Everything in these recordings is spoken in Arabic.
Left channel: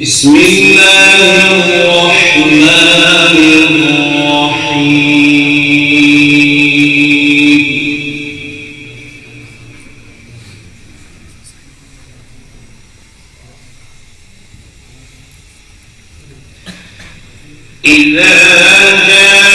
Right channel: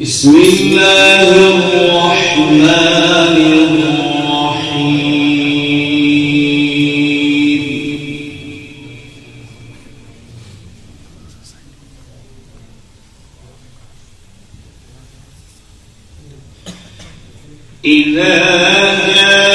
بسم الله الرحمن الرحيم إذا جاءك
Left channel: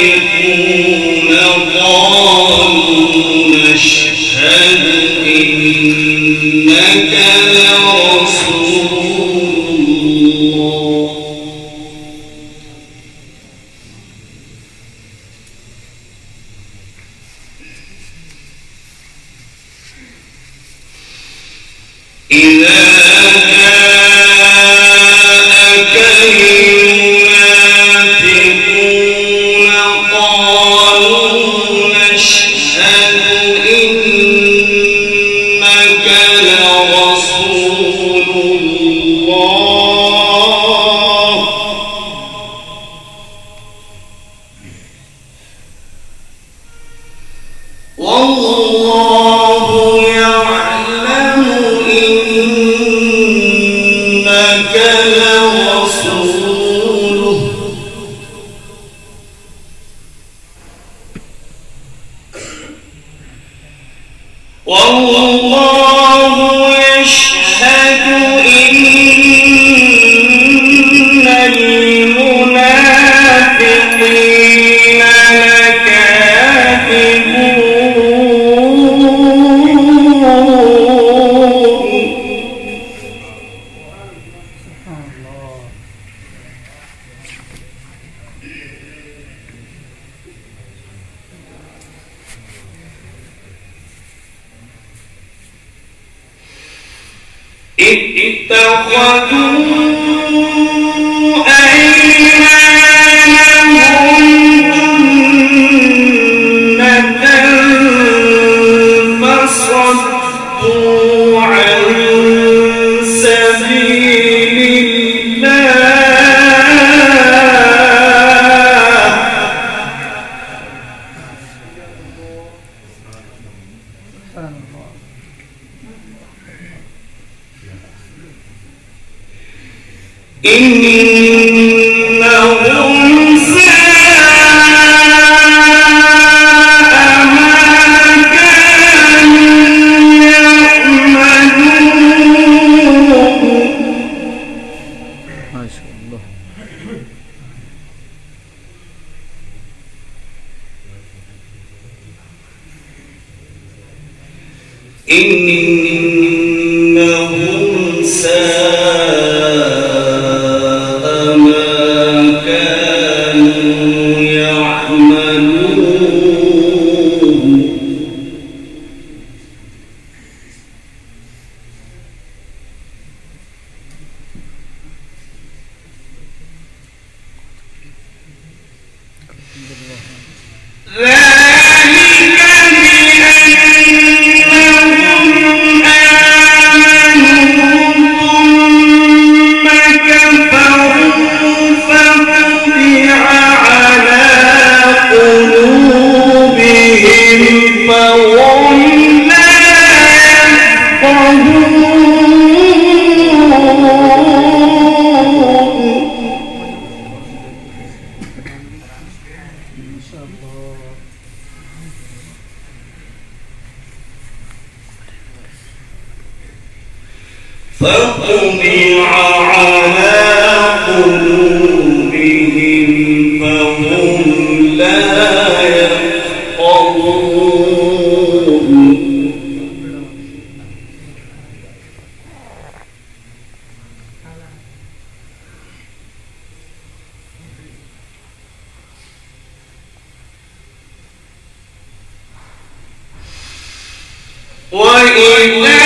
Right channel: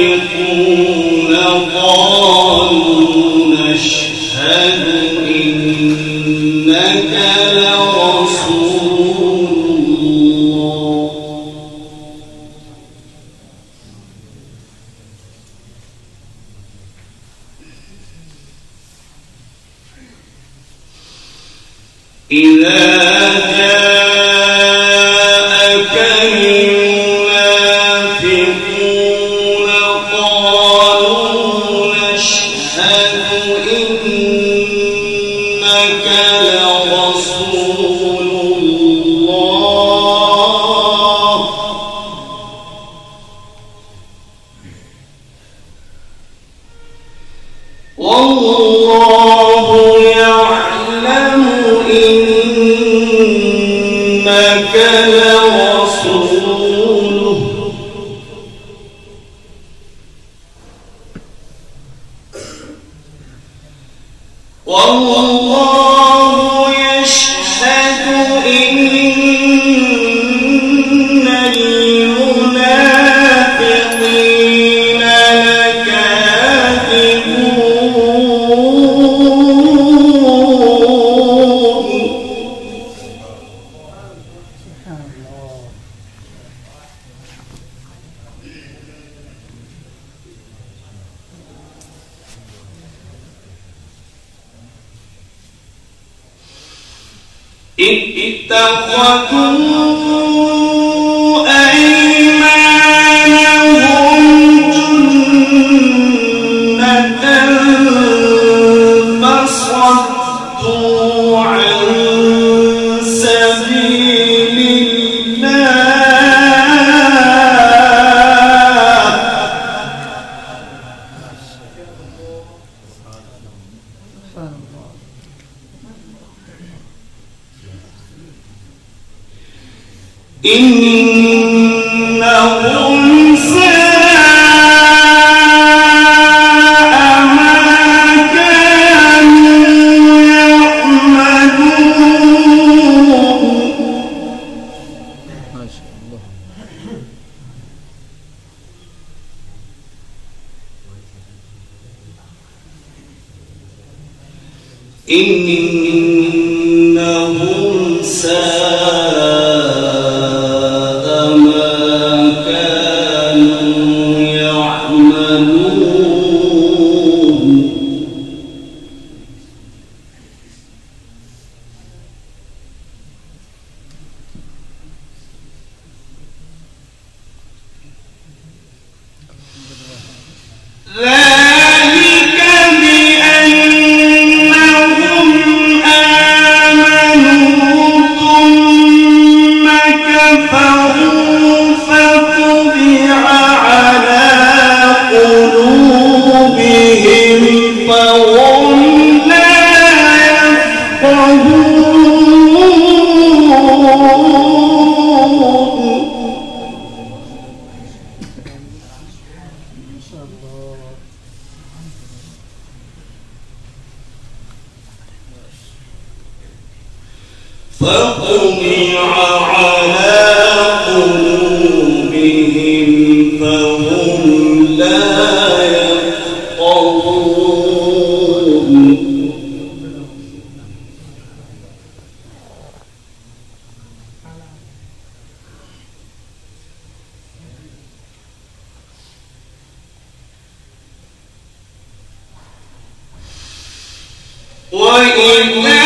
المنافقون قالوا نشهد إنك لرسول الله إذا جاءك المنافقون قالوا نشهد إنك لرسول الله والله يعلم إنك لرسوله والله يشهد إن المنافقين لكاذبون اتخذوا أيمانهم جنة فصدوا عن سبيل إنهم ساء ما كانوا يعملون ما شاء الله إنهم ساء ما كانوا يعملون ذلك بأنهم آمنوا ثم كفروا فطبع على قلوبهم فهم لا فطبع على قلوبهم فهم لا يفقهون وإذا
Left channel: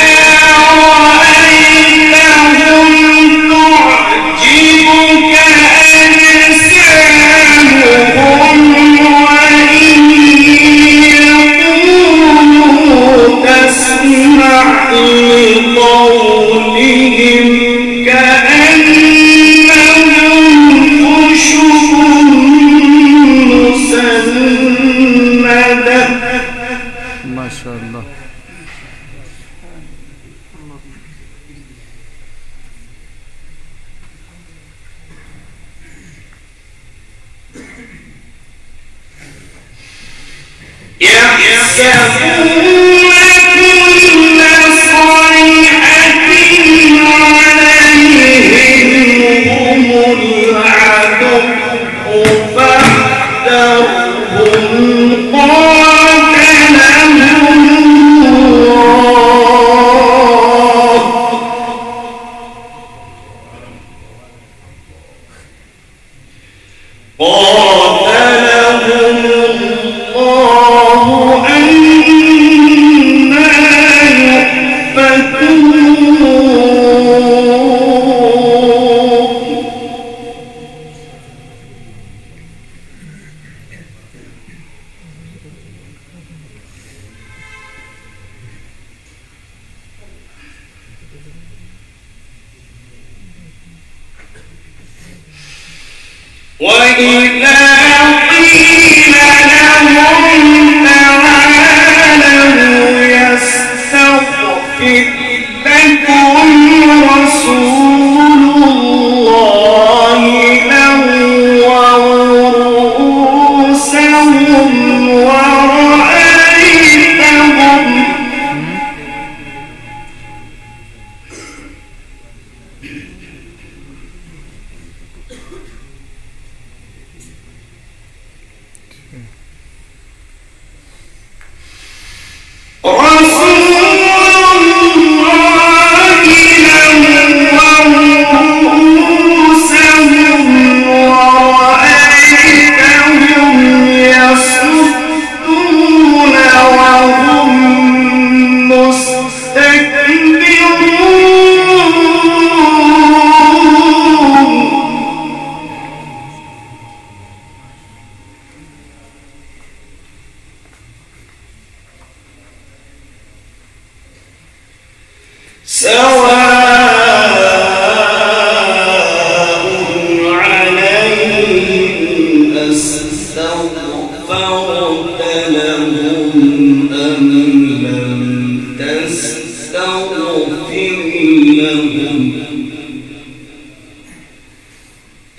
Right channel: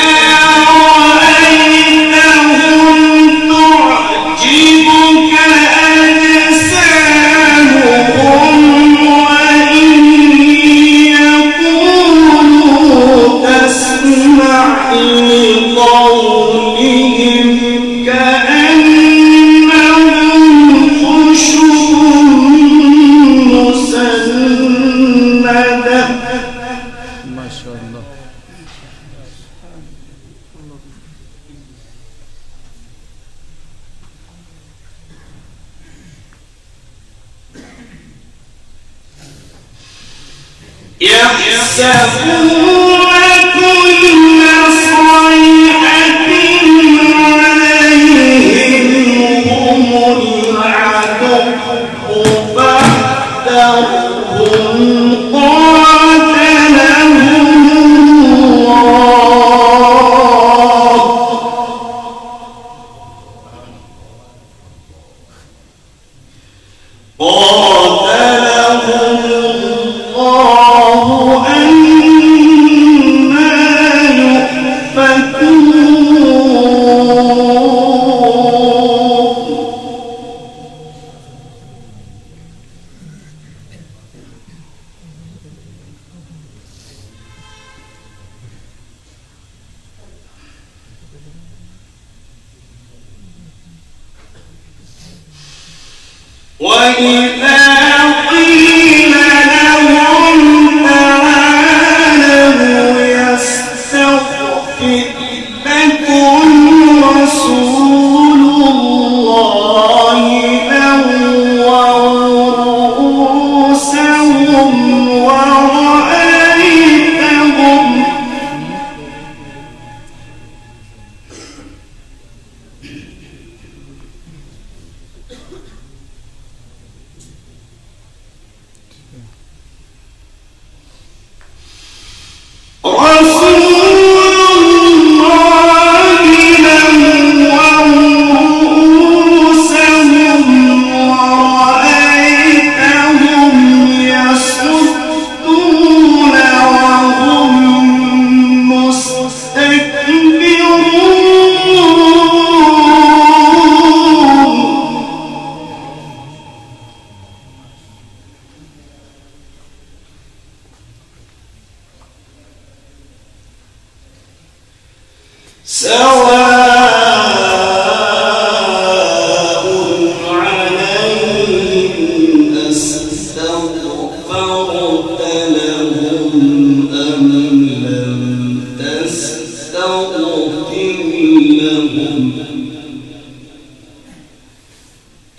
الله. يحسبون كل صيحة عليهم هم العدو فاحذرهم قاتلهم وإذا قيل لهم تعالوا يستغفر لكم رسول الله لووا رؤوسهم ورأيتهم سواء عليهم أستغفرت لهم أم لم تستغفر لهم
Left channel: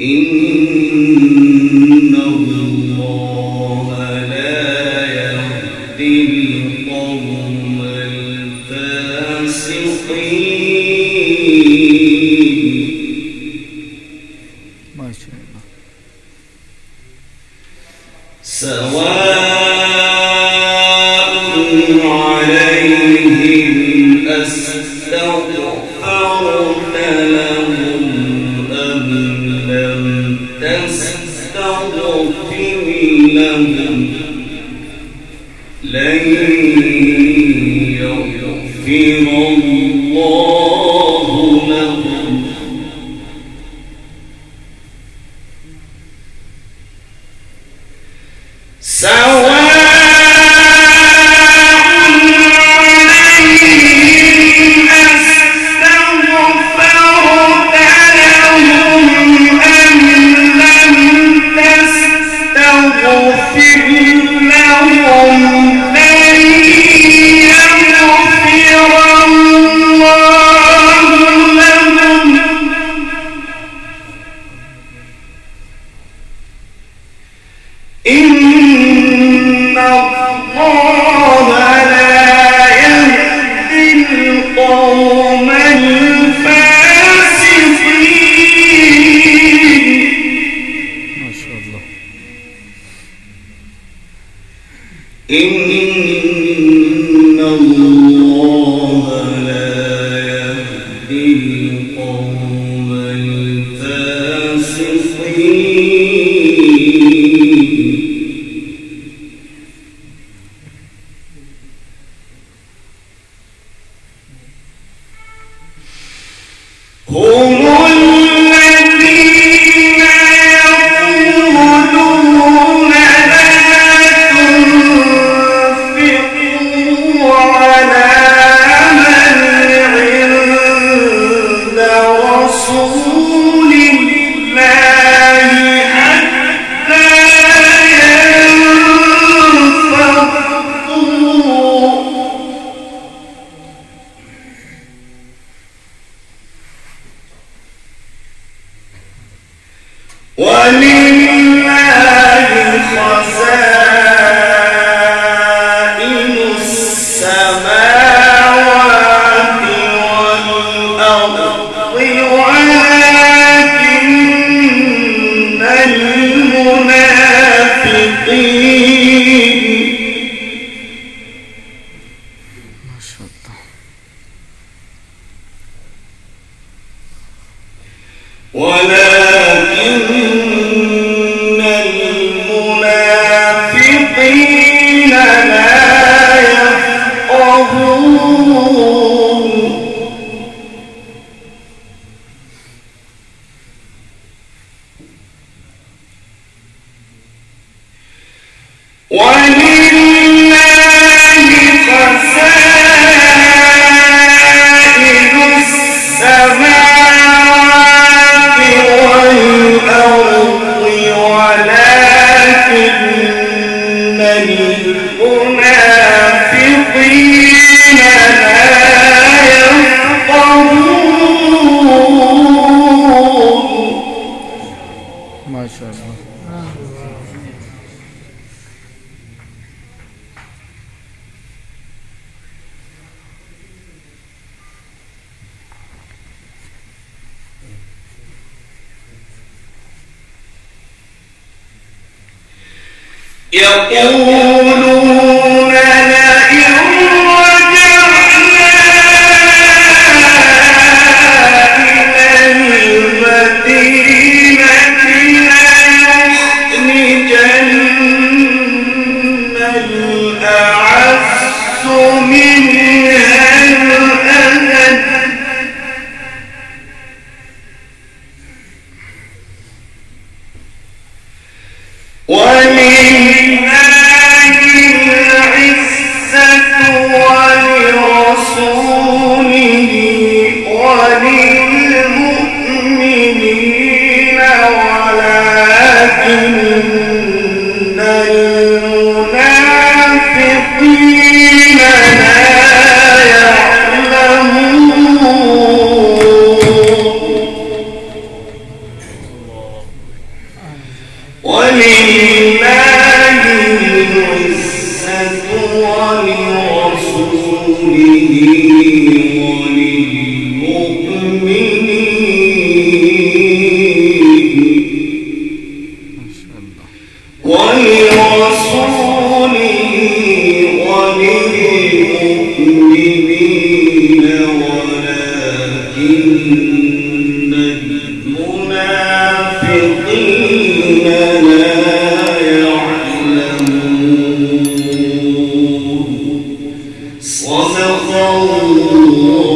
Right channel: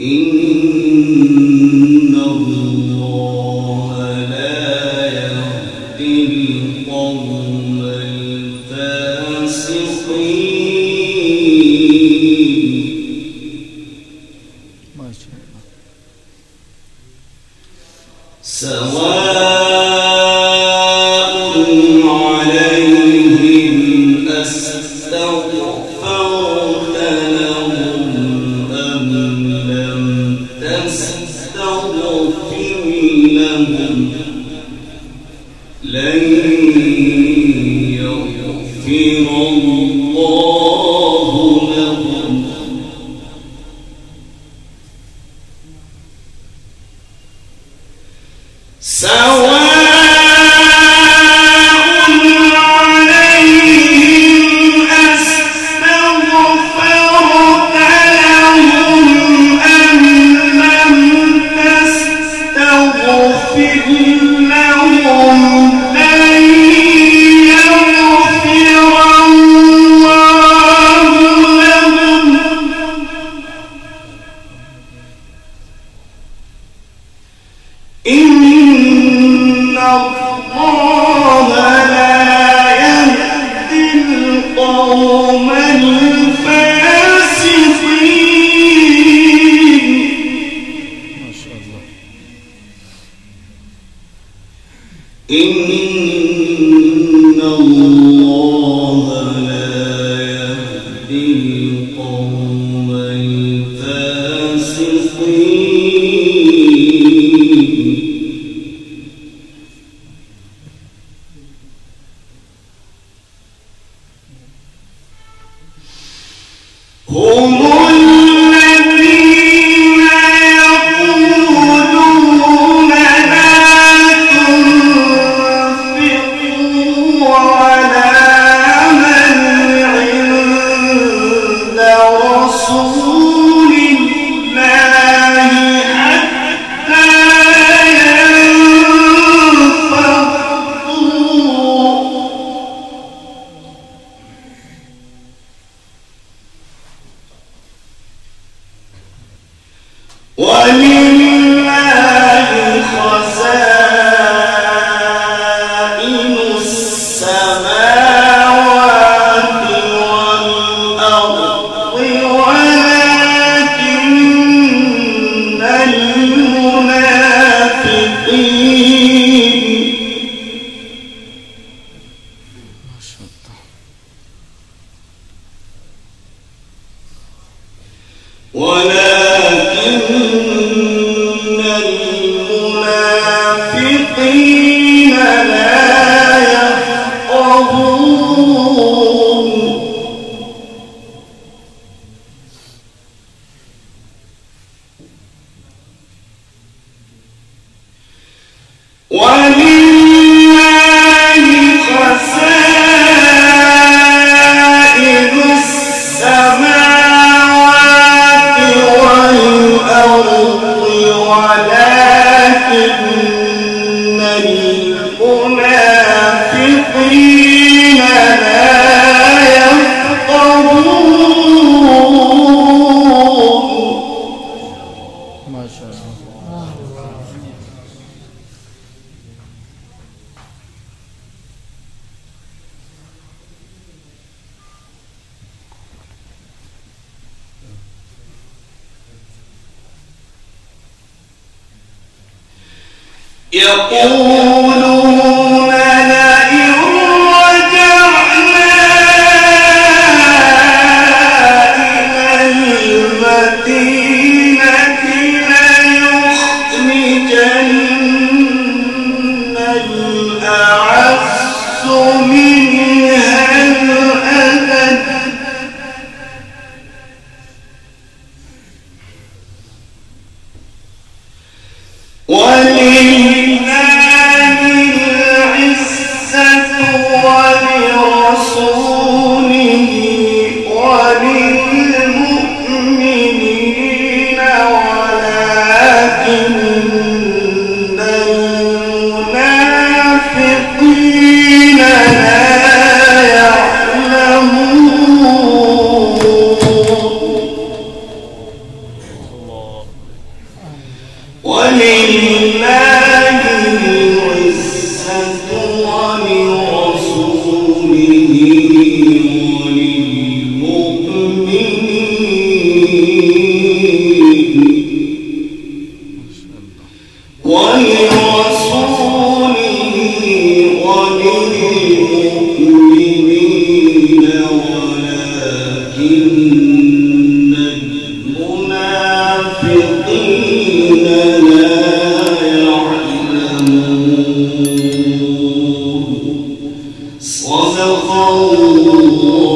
إن الله لا يهدي القوم ما شاء الله. سواء عليهم أستغفرت لهم أم لم تستغفر لهم لن يغفر الله لهم سواء عليهم أستغفرت لهم أم لم تستغفر لهم لن يغفر الله لهم إن الله لا يهدي القوم الفاسقين ما شاء الله. إن الله لا يهدي القوم الفاسقين هم الذين يقولون لا تنفقوا على من عند رسول الله حتى ينفضوا يقولون لئن رجعنا إلى المدينة ليخرجن الأعز منها الأذل ولله العزة ولرسوله وللمؤمنين ولكن المنافقين لا يعلمون ولله العزة ولرسوله وللمؤمنين ولكن المنافقين لا يعلمون صدق الله